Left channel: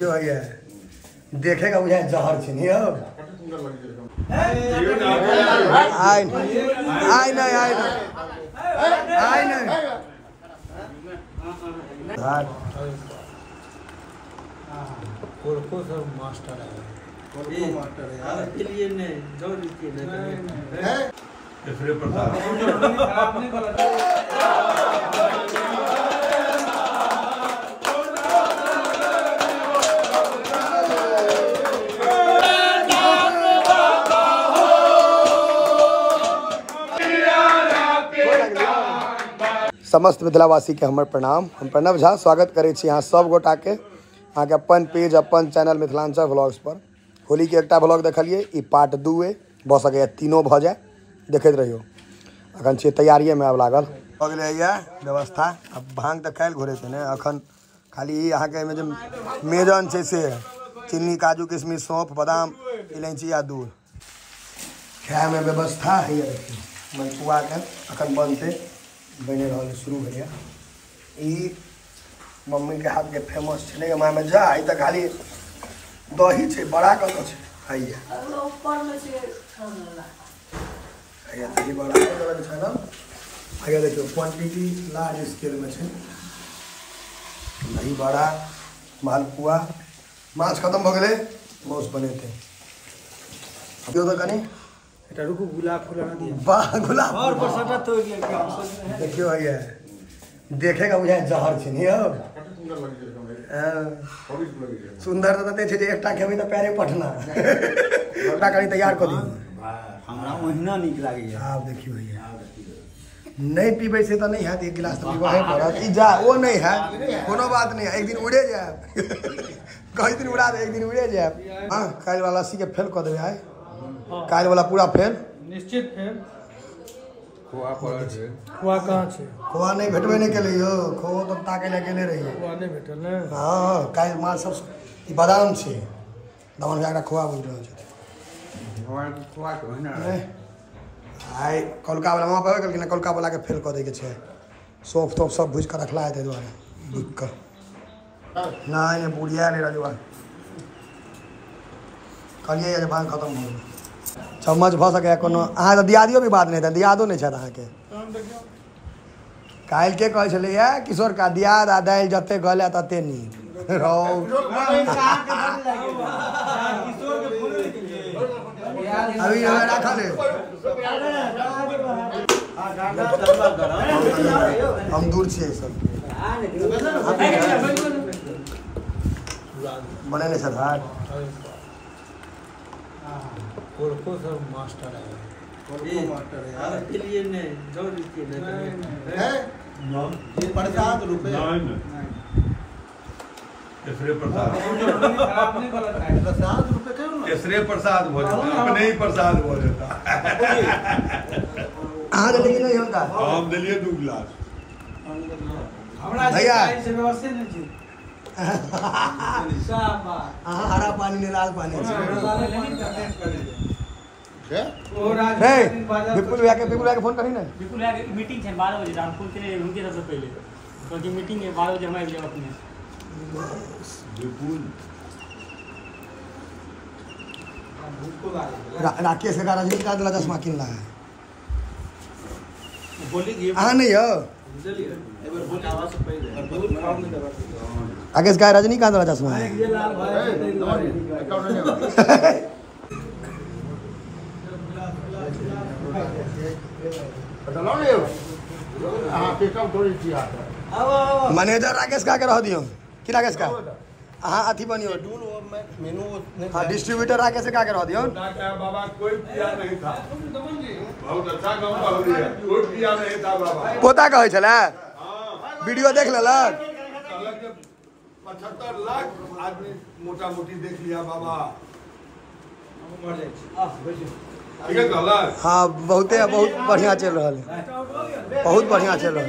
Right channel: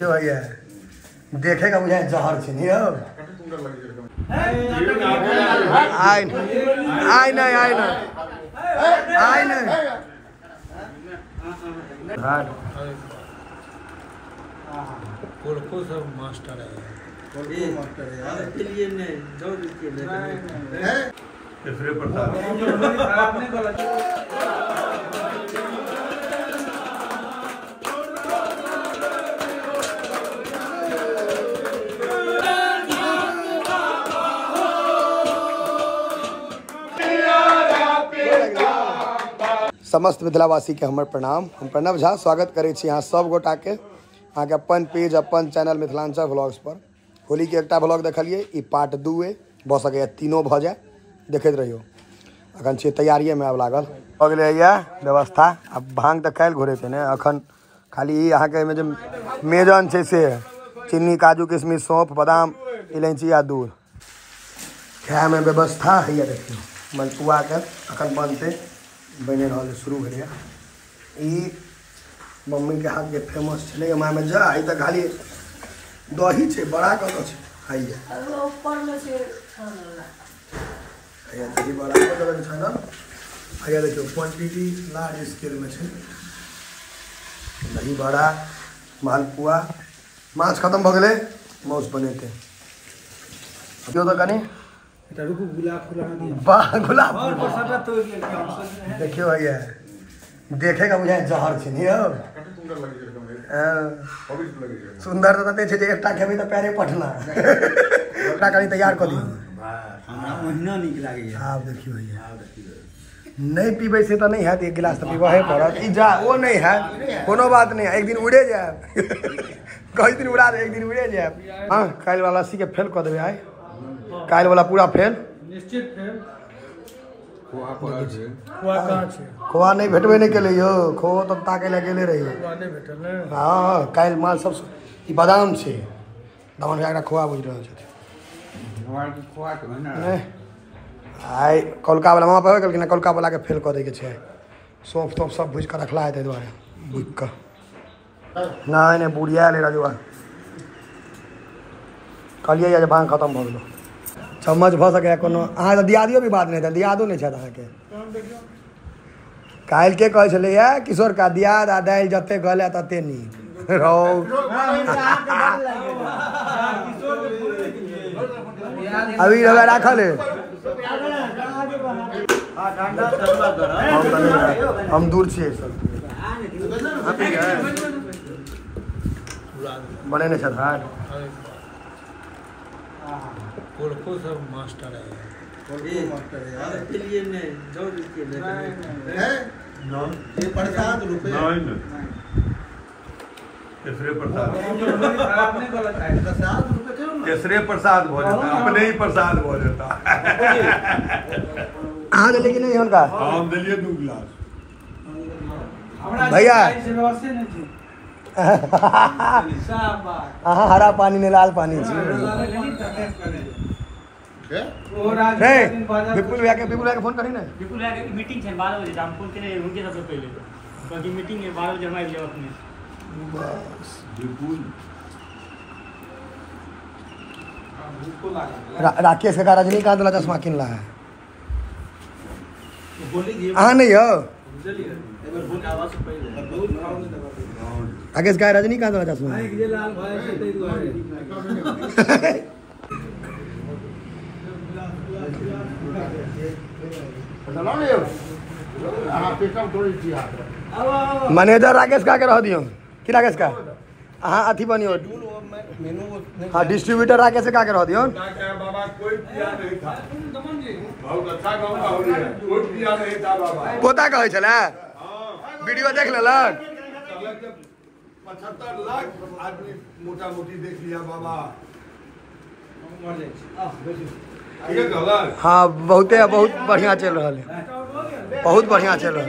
जो है देखेगा मुझे जहर छे नहीं हो आई नहीं समस्त मिथिलावासी के हमर प्रणाम। हम प्रणव झा स्वागत करे छी यहाँ सब गोटा के अहाँ के अपन पेज अपन चैनल मिथिलांचल व्लॉग्स पर। होली के एकटा व्लॉग देखलिए, ई पार्ट 2 भ सके 3 भ जाए, देखते रहियो। अखन छे तैयारिये में आब लागल भ गेलै व्यवस्था। अब भांग त काल्हि घोरे ने, अखन खाली अहाँ के जे मेजन छे से चीनी काजू किशमिश सौंफ बादाम इलायची आ दूध खाए में व्यवस्था है। देखियो मलपुआ के अखन बनते बने रहा शुरू भेल। मम्मी के हाथ के फेमस छे माँ में जा आई तो खाली दही छे बड़ा कत छे खाइए दही बड़ा कत छन। आगे देखियो क्वांटिटी लार्ज स्केल में छे। दही बड़ा मालपुआ माछ खत्म भ गेले, मौस बनेते तो कनी रुकू गुलाब फूल वाह गुलाब और बरसाता तो देखियो भैया देखेगा मुझे जहर छे नहीं हो सुंदर तो तते छे जे एकटा खेबे त पैरे पटना एकटा कनी तैयार क दियो हमरा ओहिना नीक लागे। आब देखियो भैया नहीं पीबे से तो नहीं है, एक गिलास तो पीबहे पड़त। ई जा वो नहीं है, कोनो बात नहीं है, एक दिन उड़े जाए कई दिन उड़ा दे, एक दिन उड़े जाए। हां काल वाला सी के फेल क देबे आइ, काल वाला पूरा फेल निश्चित फेल। खोआ पड़ा छे, खोआ कहां छे? खोआ नहीं भेटबे नहीं केले यो, खोआ तो ताके ले गेले रही खोआ नहीं भेटल ने। हां काल माल सब ई बादाम छे, दामन एकटा खोआ बुझ रहल छे भगवान के खोआ के ना आई कोलका वाला वहां पे कहलकिन कोलका वाला के फेल क दे के छे। सौंफ तो सब भुज के रखला है, द्वारे भुज के नहीं बुढ़िया ले राजुआ कहलिए जे भांग खत्म भ गेल। चम्मच भ सके कोनो अहाँ तो दियादियो भी बात नहीं था, दियादो नहीं छत अहाँ के काल के कहे छले या किशोर का दियाद आ दाल जते गले तते नी रहो अभी रवा राखल है। हम दूर छे सब बने ने छत हाट कोड़को सब मास्टर है, कोड़को मास्टर है यार के लिए ने जो के है नो ये प्रसाद रुपए नहीं तीसरे प्रसाद आपने गलत है। प्रसाद रुपए क्यों ना तीसरे प्रसाद हो जाता, अपने ही प्रसाद हो जाता। हां लेकिन नहीं उनका हम दिलिए 2 गिलास भैया से व्यवस्था नहीं थी। हाँ हरा पानी ने लाल पानी विपुल भैया के फोन करी ना। विपुल भैया के मीटिंग है 12 बजे, रामपुर के रुके सबसे पहले क्योंकि मीटिंग है 12 बजे हमारी जगह अपने बस विपुल राकेश का रजनीकांत वाला चश्मा किनला है हाँ नहीं हो आगे का रजनीकांत वाला चश्मा है। मैनेजर राकेश का रह दियो कि राकेश का हाँ अथी बनियो हाँ डिस्ट्रीब्यूटर राकेश का रह दियो। बाबा कोई पिया नहीं था, बहुत अच्छा काम है, कोई पिया नहीं था बाबा कोता कहे छले वीडियो देख लेलक 75 लाख आदमी मोटा मोटी देख लिया बाबा। हाँ बहुत बढ़िया चल रहा है, बहुत बढ़िया चल रहा है।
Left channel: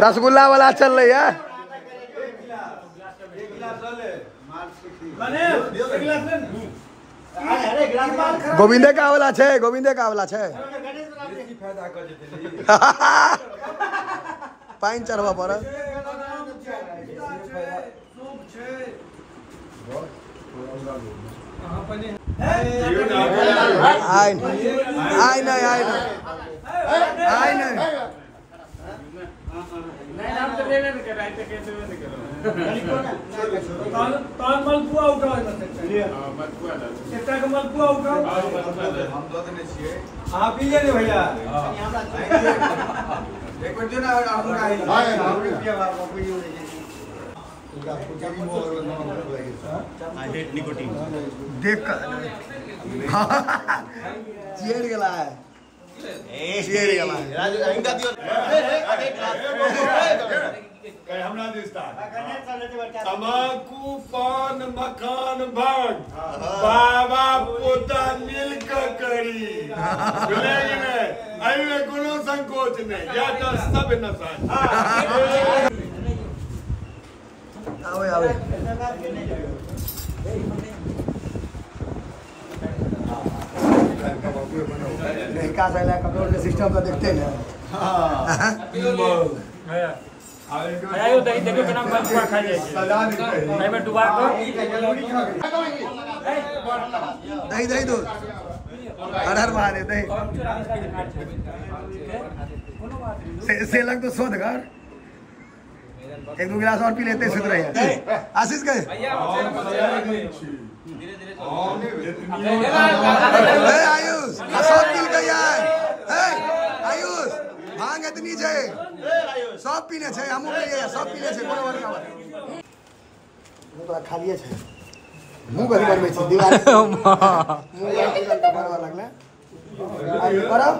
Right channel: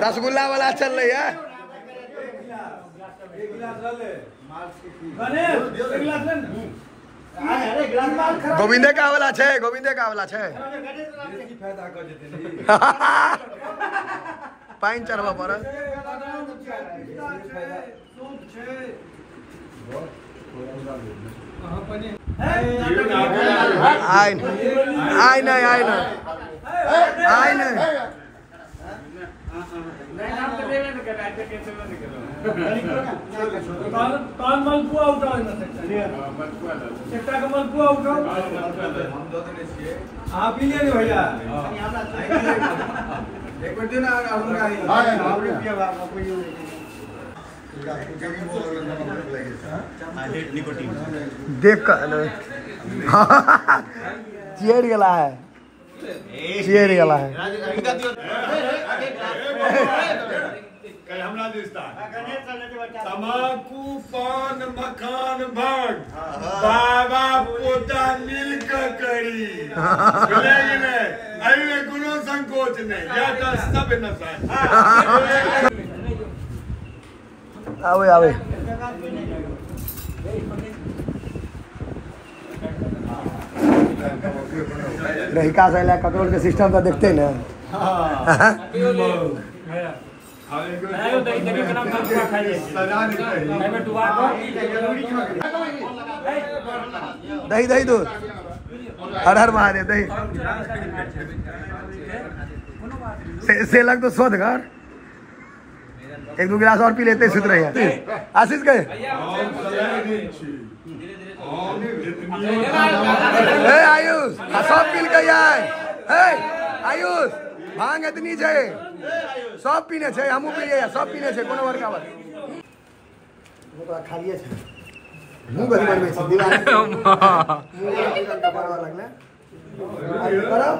रसगुल्ला वाला चल रही है। गोविंदे का वाला छे, गोविंदे का वाला छे। पाइन चढ़वा पर आई नहीं भैया देख चेयर गला है तमाकू पान मखान भांग बाबा पोता मिलकर करी अरे कोनो संकोच नहीं या तो सब नशा आवे नहीं का साला कंट्रोल के सिस्टम का देखते ना आयो दही दही के नाम पर दुआ खाई जाए नहीं में दुआ को दही दूध हर मारे दही से लग तो शोध कर एक दो गिलास और पी लेते सुध रहे हैं आशीष गए आयुष सब मिल गई आयुष भांग इतनी छे सब पीने छे हमहू पिए सब पीने छे कोनो वर्ग आवर वो तो खा लिए छे मुंह गड़बड़ में छे दीवार मुंह का परवा लगना आगे करब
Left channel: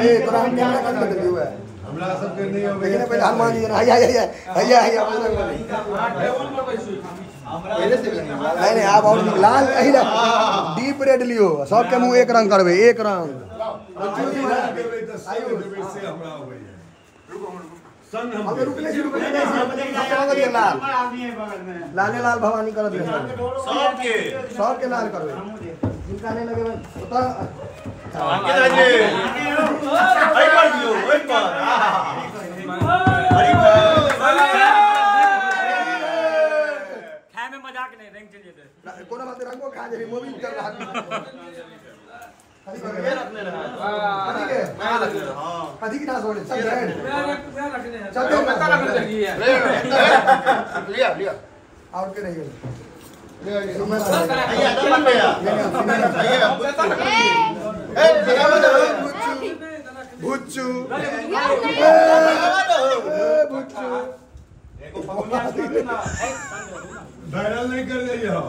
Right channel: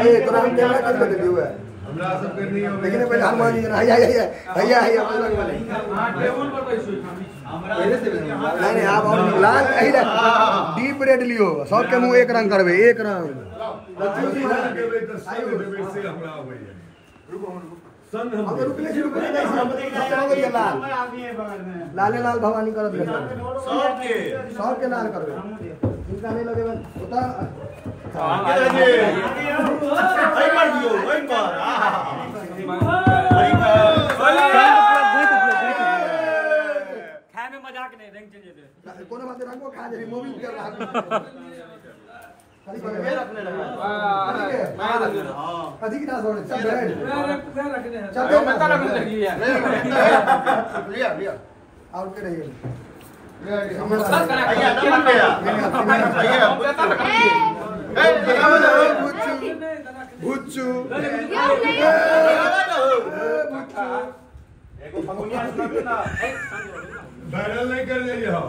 ए तोरा हम कैमरा कर दे दियो है हमरा सब के नहीं लेकिन पहले हनुमान जी हैया बजरंग बली नहीं आप और लाल कही डीप रेड लियो सबके मुंह एक रंग करबे एक रंग लाले लाल भवानी कर दिया सबके लाल करबे जिनका नहीं लगे मजाक नहीं रंग चलिए कोनो बात रंगो खा जाबी मूवी कर रहा अधिक ना छोड़े सब लिया आउट के नहीं भुच्चू वायरल नहीं कर रही हो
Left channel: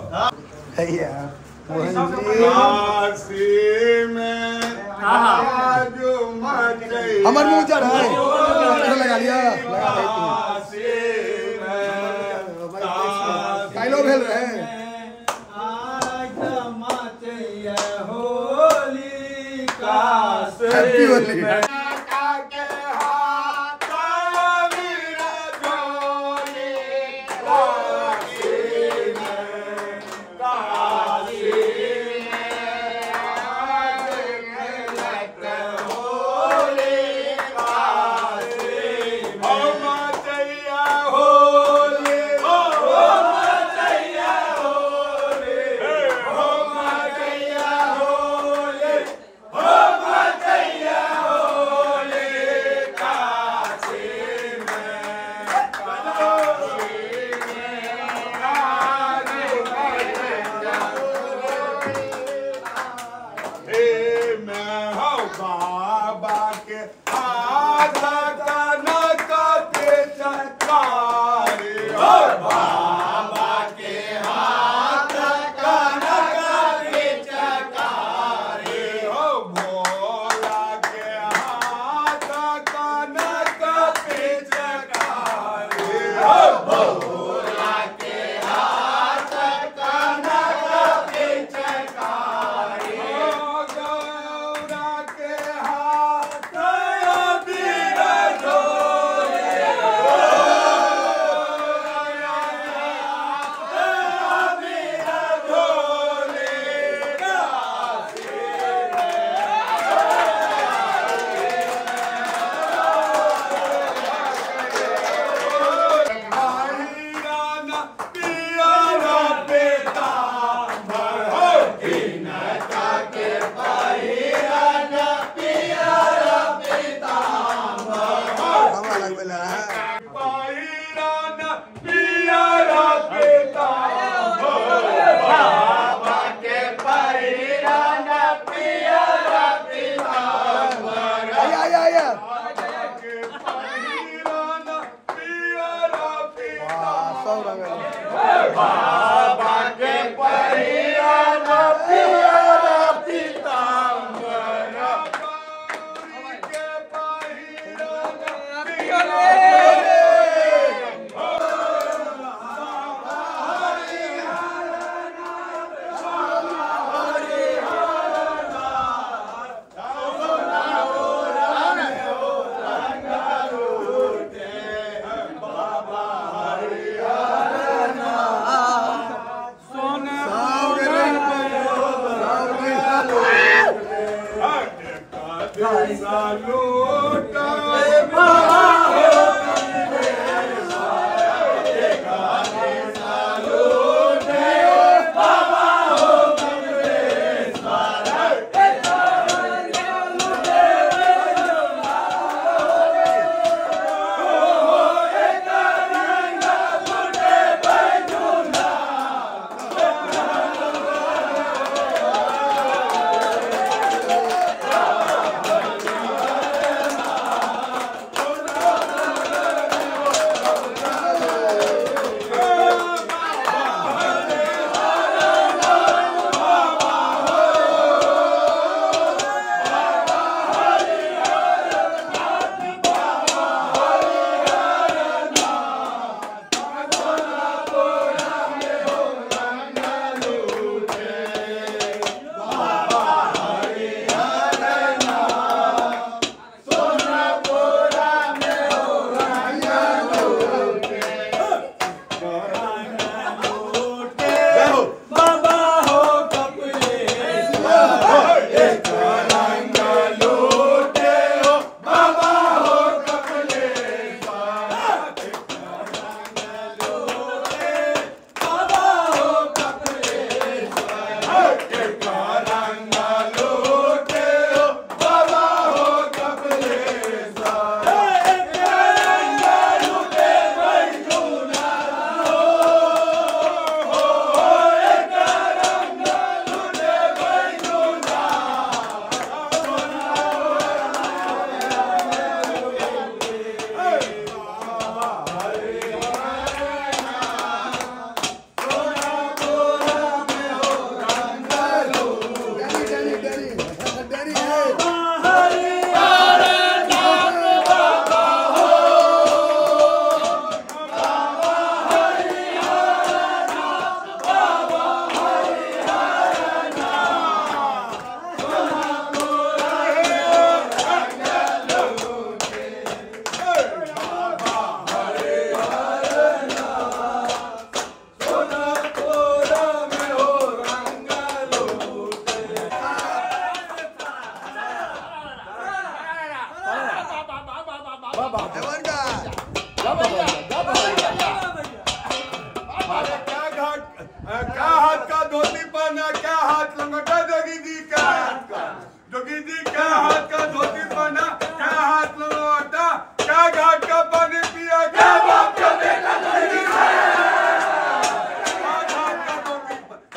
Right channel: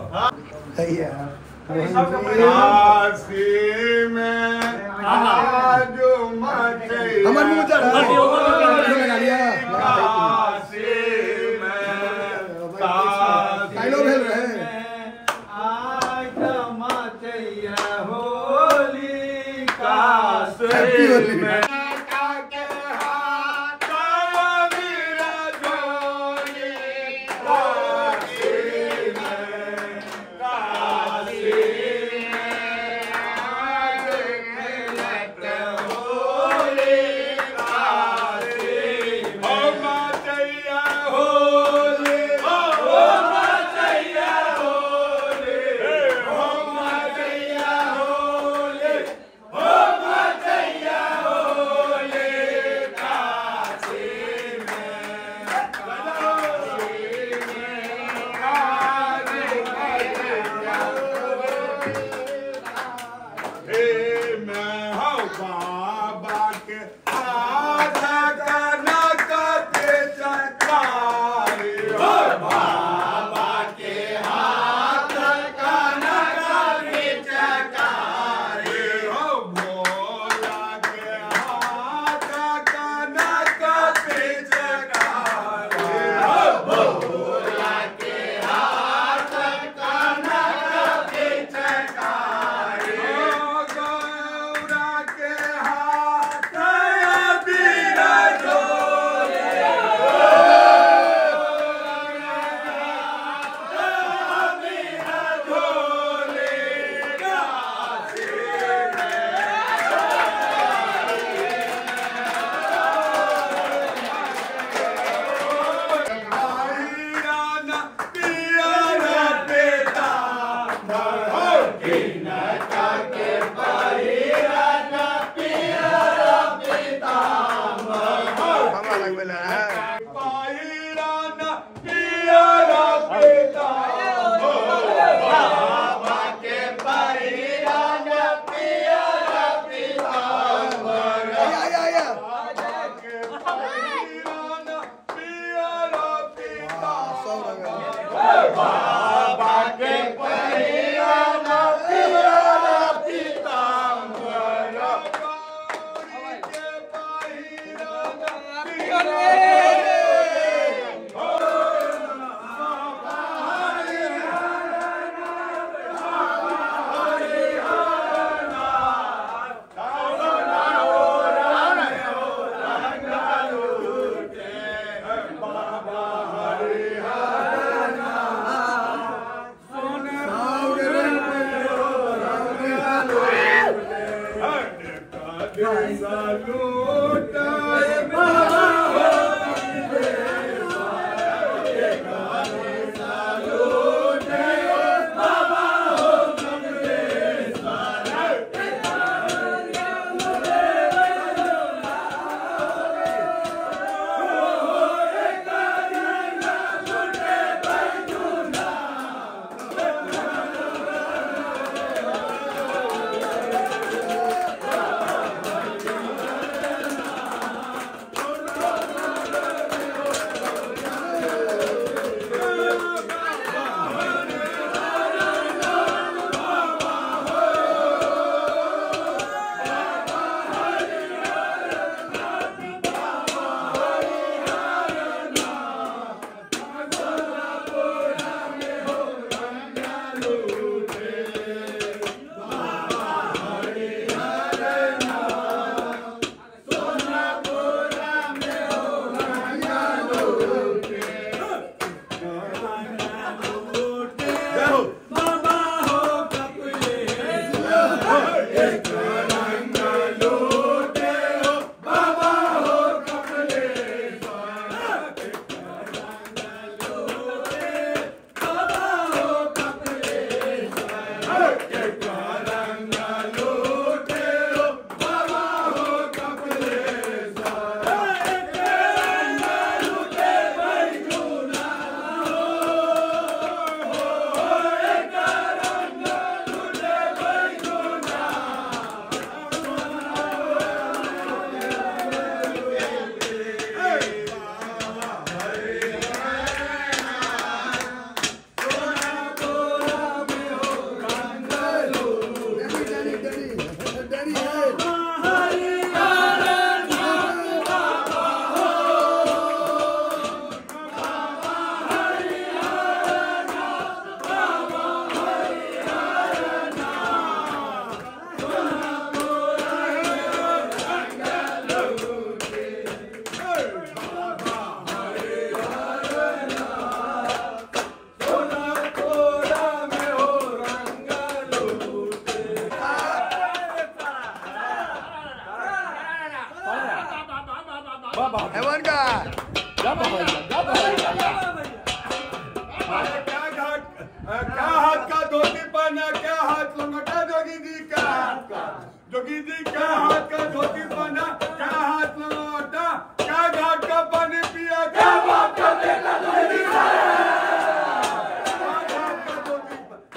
हमार मुंह चढ़ लगा लिया डायलॉग भेल रहे हैप्पी होली बाबा के परिया पिया पीतांबर के क्या हाथ का धोती पहना, क्या हाथ लंगोटा जोगी जी क्या हाथ का जोगी जी क्या हाथ का धोती पहना, क्या हाथ लंगोटा, क्या घाट का पानी पिया, क्या बाप का बेटा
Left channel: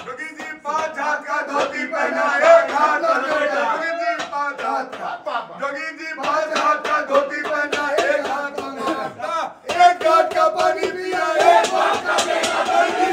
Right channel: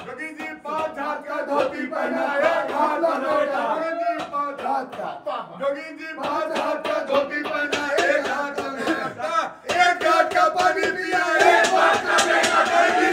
जोगी जी 5 हाथ का धोती पहना, 1 हाथ लंगोटा, जोगी जी 5 हाथ का धोती पहना, 1 हाथ लंगोटा, 1 घाट का पानी पिया, 1 बाप का बेटा जोगी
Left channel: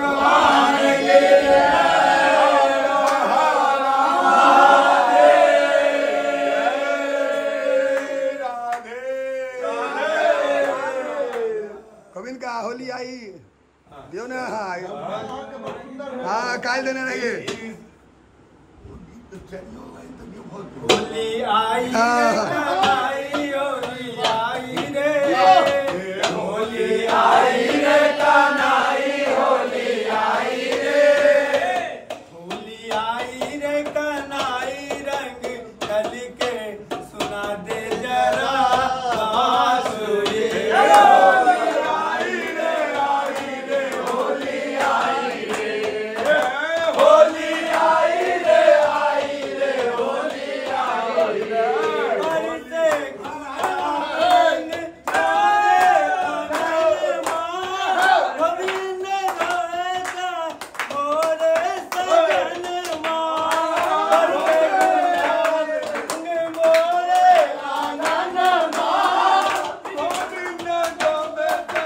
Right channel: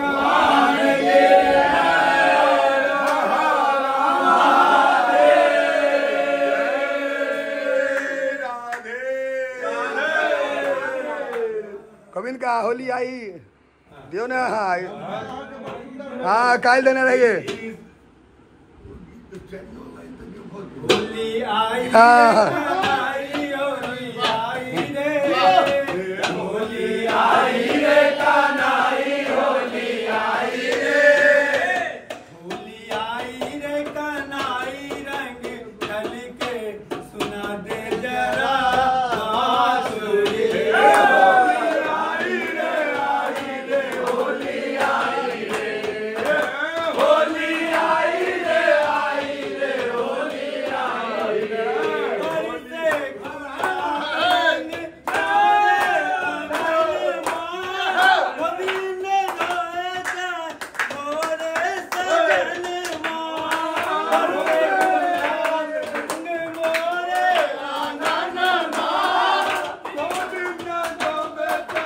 भगवान की कबिन का होली आई दियो ना। हाँ काल देने लगे। होली आई हाँ होली आई रे होली आई रे कनाई होली आई रे होली आई रे कनाई रंग कल के सुना दे जरा बांसुरी होली आई रे होली आई रे होली आई रे होली आई रे से रंग सारे गोविंद रोता मोरे सजन मां मोरे आनंद मां गोविंद गोबता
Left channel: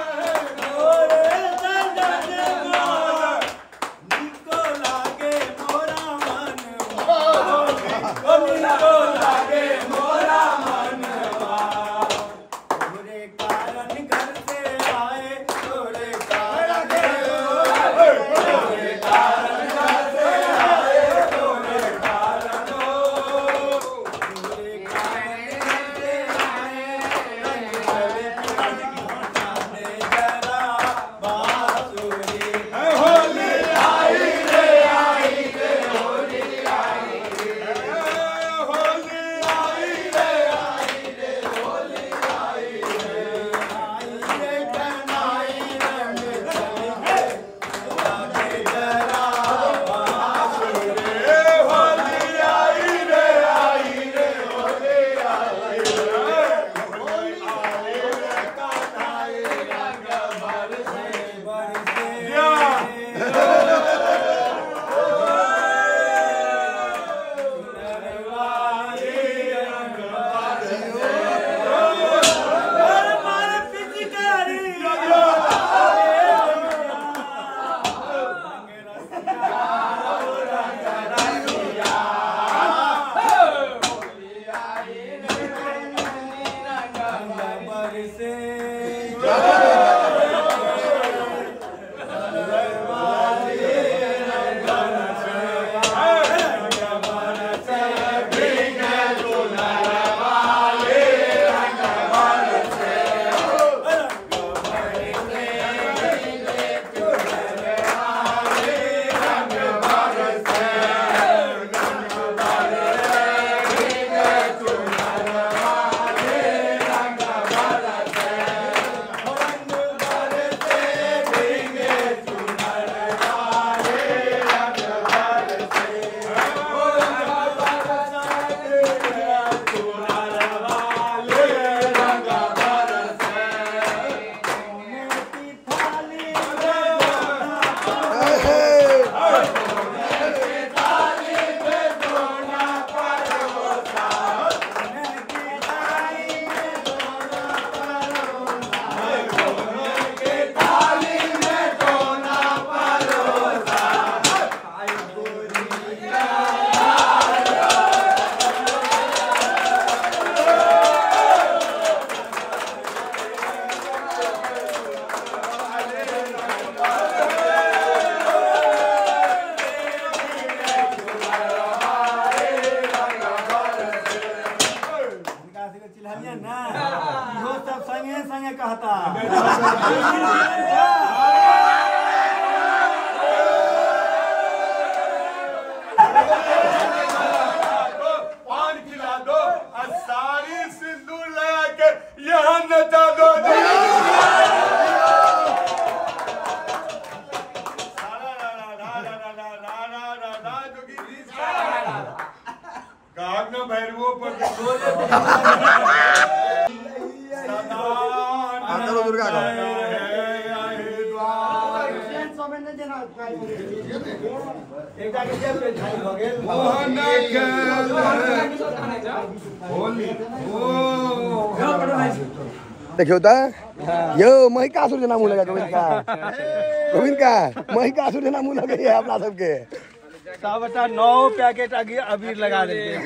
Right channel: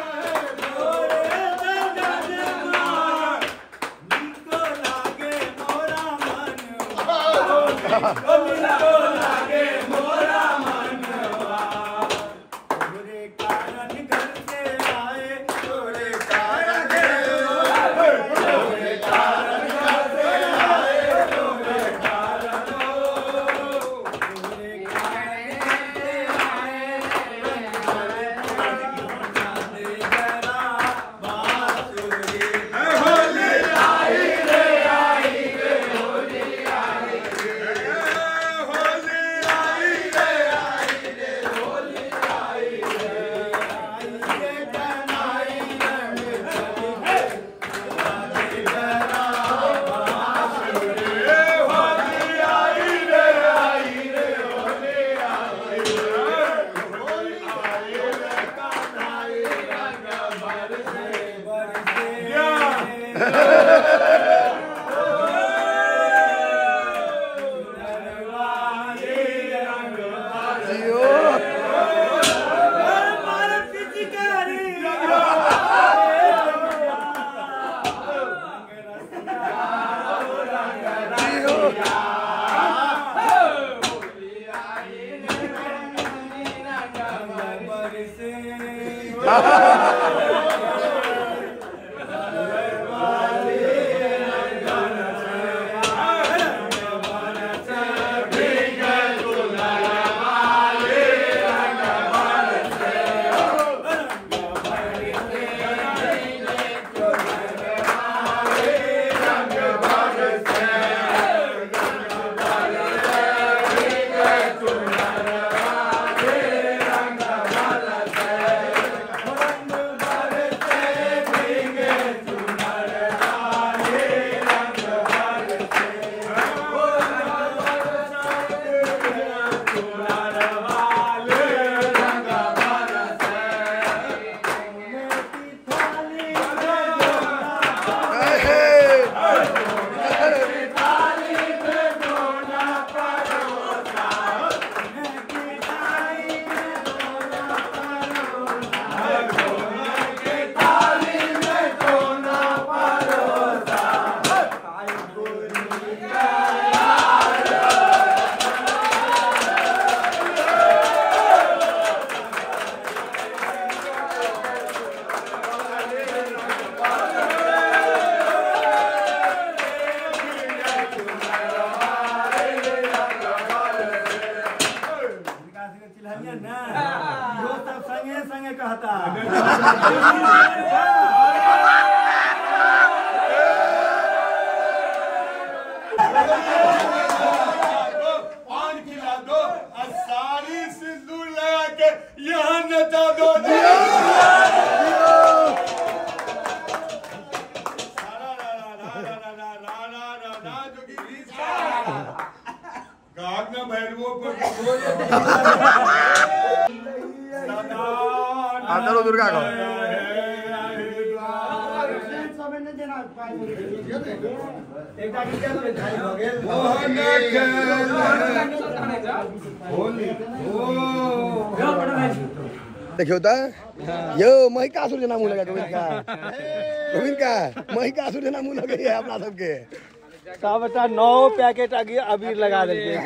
मोरे सजन मां निको लागे मोरा मन निको लागे मोरा मनवा तोरे कारण घर से आए तोरे कारण तोरे कारण घर से आए तोरे कारण तोरे कारण से आए जरा बांसुरी होली आई रे होली आई रे होली आई रे होली आई रे आई रे कनाई रंग चली है सुनावे जरा बांसुरी होली आई रे होली आई रे होली आई रे कनाई रंग बरसे संगे कहता पान खिला दो और सारी सिंदूर लगा के यहाँ नचा दो। गागना भैरवों पर चलो दुर्गा को देखियो तो यो महिकासुर जना मुँह लगा गोविंद का महिकासुर जना मुँह लगे अपना सबके बच्चा 9 पैकेट अबीर लगा देंगे